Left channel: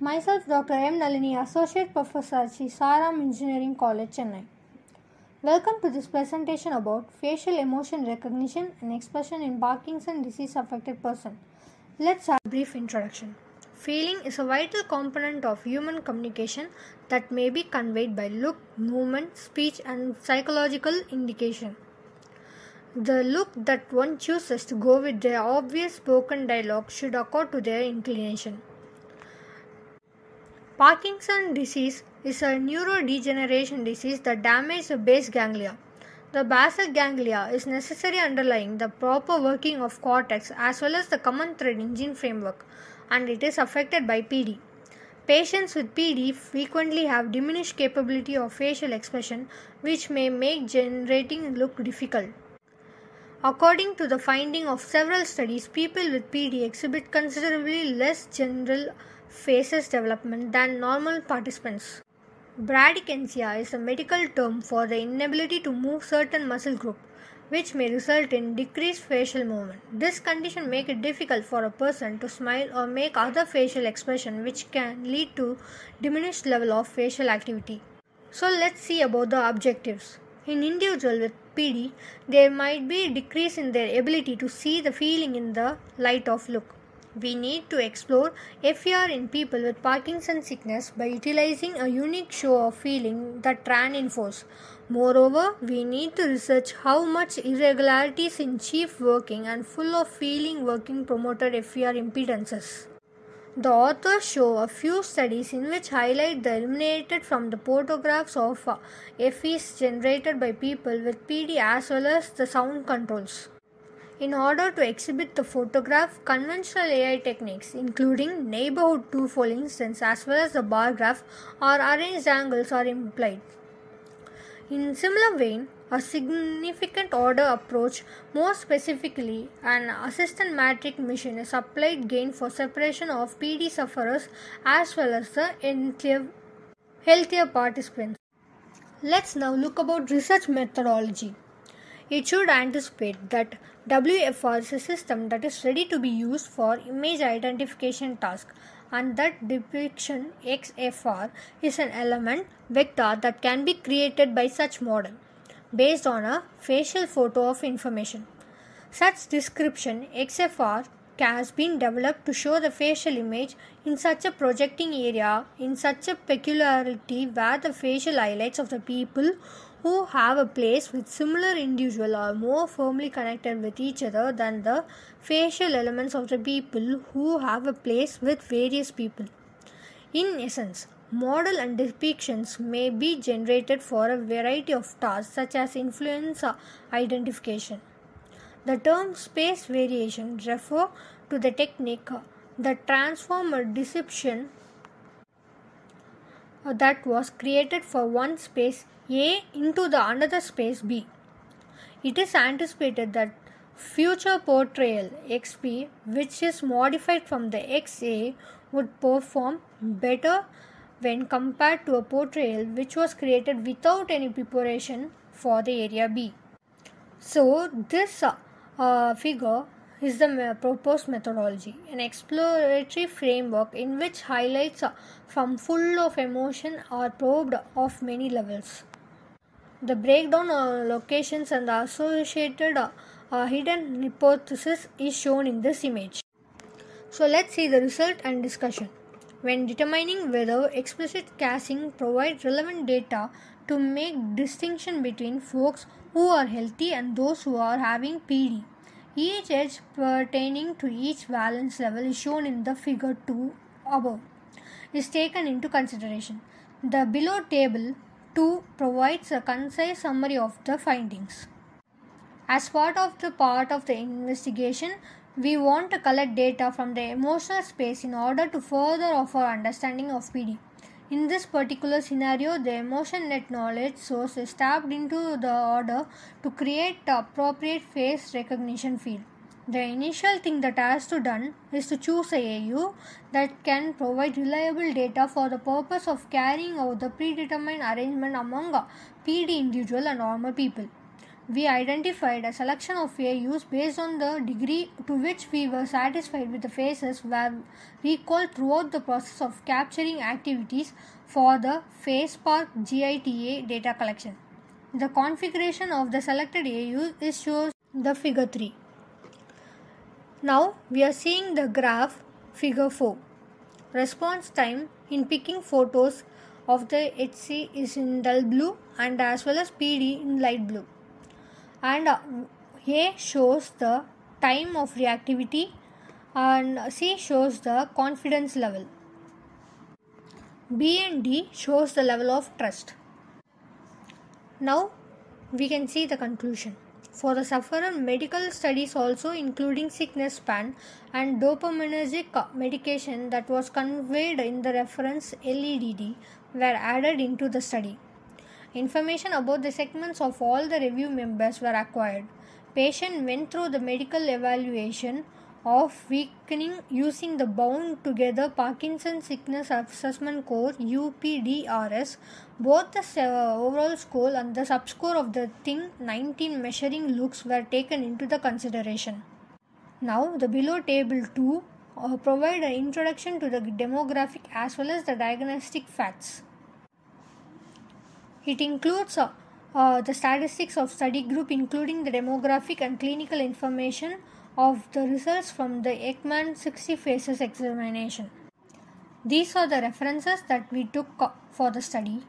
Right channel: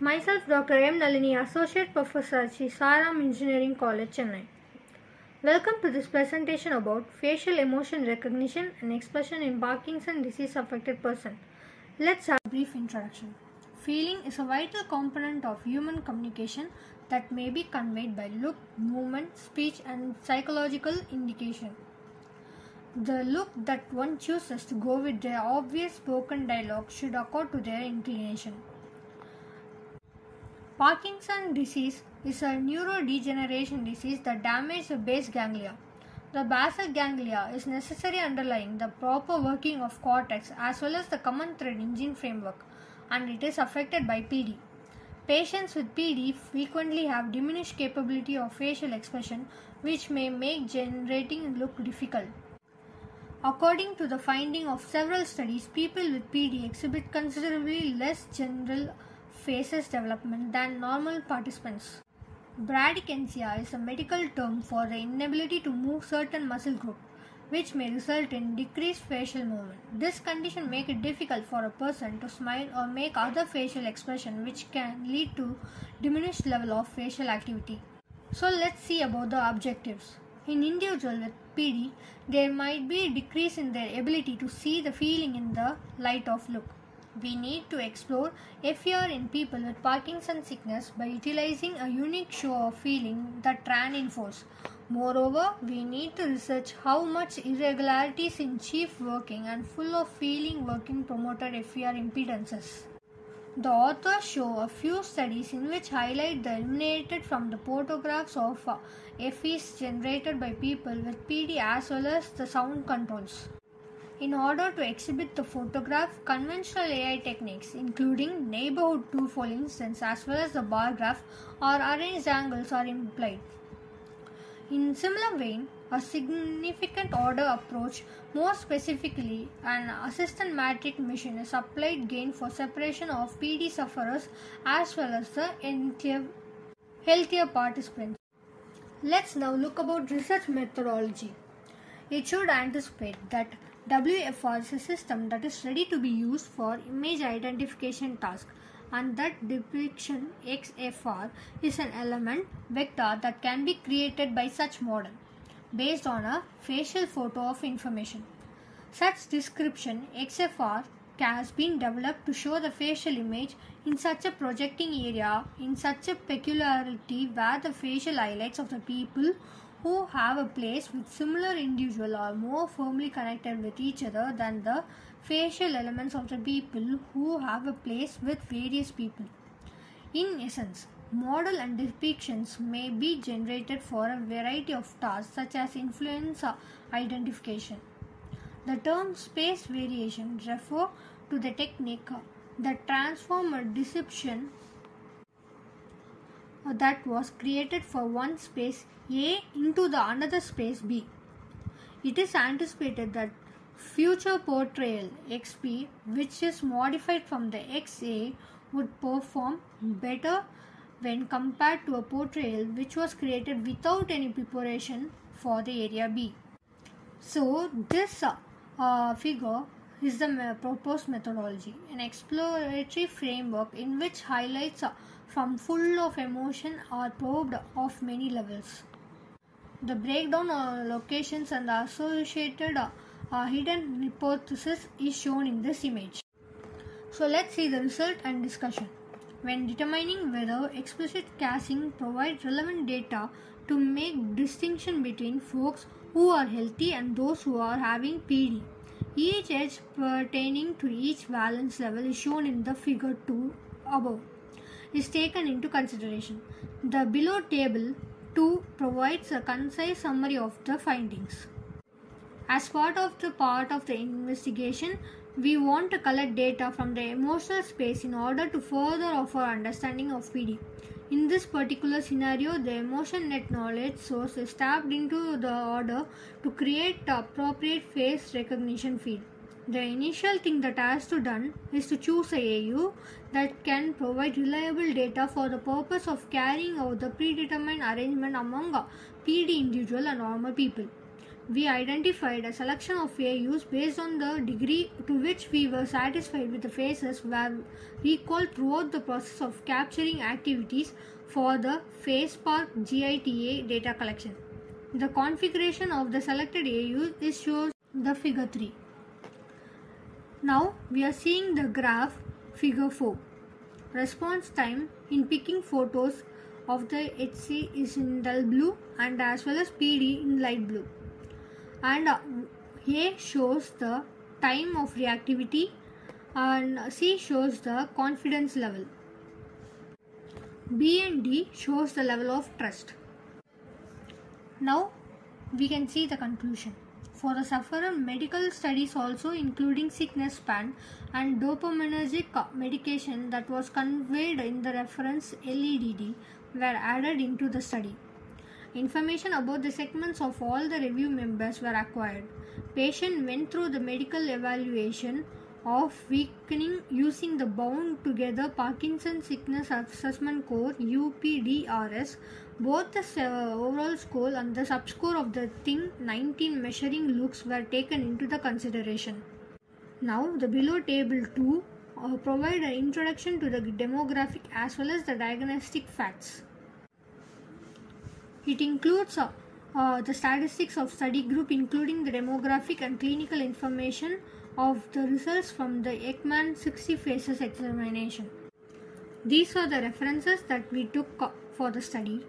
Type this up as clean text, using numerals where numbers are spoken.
Myself, Dr. M. Nalini, Associate Professor at Saram Engineering College, Chennai. Welcome to this presentation about facial emotion recognition and expression in Parkinson disease affected person. Let's have a brief introduction. Feeling is a vital component of human communication that may be conveyed by look, movement, speech, and psychological indication. The look that one chooses to go with their obvious spoken dialogue should accord to their inclination. Parkinson disease is a neurodegeneration disease that damages the base ganglia. The basal ganglia is necessary underlying the proper working of cortex as well as the common thread engine framework, and it is affected by PD. Patients with PD frequently have diminished capability of facial expression, which may make generating look difficult. According to the finding of several studies, people with PD exhibit considerably less general faces development than normal participants. Bradykinesia is a medical term for the inability to move certain muscle groups, which may result in decreased facial movement. This condition makes it difficult for a person to smile or make other facial expression, which can lead to diminished level of facial activity. So let's see about the objectives. In individuals with PD, there might be a decrease in their ability to see the feeling in the light of look. We need to explore FER in people with Parkinson's sickness by utilizing a unique show of feeling that reinforces. Moreover, we need to research how much irregularities in chief working and full of feeling working promoted FER impedances. The authors show a few studies in which highlight the eliminated from the photographs of FEs generated by people with PD as well as the sound controls. In order to exhibit the photograph, conventional AI techniques including neighborhood tool instance as well as the bar graph or arranged angles are employed. In similar vein, a significant order approach, more specifically an assistant matrix machine, is applied gain for separation of PD sufferers as well as the healthier participants. Let's now look about research methodology. It should anticipate that WFR is a system that is ready to be used for image identification task, and that depiction XFR is an element vector that can be created by such model based on a facial photo of information. Such description XFR has been developed to show the facial image in such a projecting area in such a peculiarity where the facial highlights of the people who have a place with similar individual are more firmly connected with each other than the facial elements of the people who have a place with various people. In essence, model and depictions may be generated for a variety of tasks such as influence identification. The term space variation refers to the technique that transforms a depiction that was created for one space A into the another space B. It is anticipated that future portrayal XP, which is modified from the XA, would perform better when compared to a portrayal which was created without any preparation for the area B. So this figure is the proposed methodology, an exploratory framework in which highlights from full of emotion are probed of many levels. The breakdown of locations and the associated hidden hypothesis is shown in this image. So let's see the result and discussion. When determining whether explicit casing provides relevant data to make distinction between folks who are healthy and those who are having PD, each edge pertaining to each valence level is shown in the figure 2 above is taken into consideration. The below table 2 provides a concise summary of the findings. As part of the investigation, we want to collect data from the emotional space in order to further our understanding of PD. In this particular scenario, the emotion net knowledge source is tapped into the order to create the appropriate face recognition field. The initial thing that has to done is to choose a AU that can provide reliable data for the purpose of carrying out the predetermined arrangement among PD individual and normal people. we identified a selection of AUs based on the degree to which we were satisfied with the phases were recalled throughout the process of capturing activities for the phase park GITA data collection. The configuration of the selected AUs is shown in the figure 3. Now we are seeing the graph figure 4. Response time in picking photos of the HC is in dull blue and as well as PD in light blue. And A shows the time of reactivity and C shows the confidence level. B and D shows the level of trust. Now we can see the conclusion. For the sufferer, medical studies also including sickness span and dopaminergic medication that was conveyed in the reference LEDD were added into the study. Information about the segments of all the review members were acquired. Patient went through the medical evaluation of weakening using the bound together Parkinson Sickness Assessment Score UPDRS. Both the overall score and the subscore of the Thing 19 measuring looks were taken into the consideration. Now the below table 2 provide an introduction to the demographic as well as the diagnostic facts. It includes the statistics of study group including the demographic and clinical information of the results from the Ekman 60 phases examination. These are the references that we took for the study.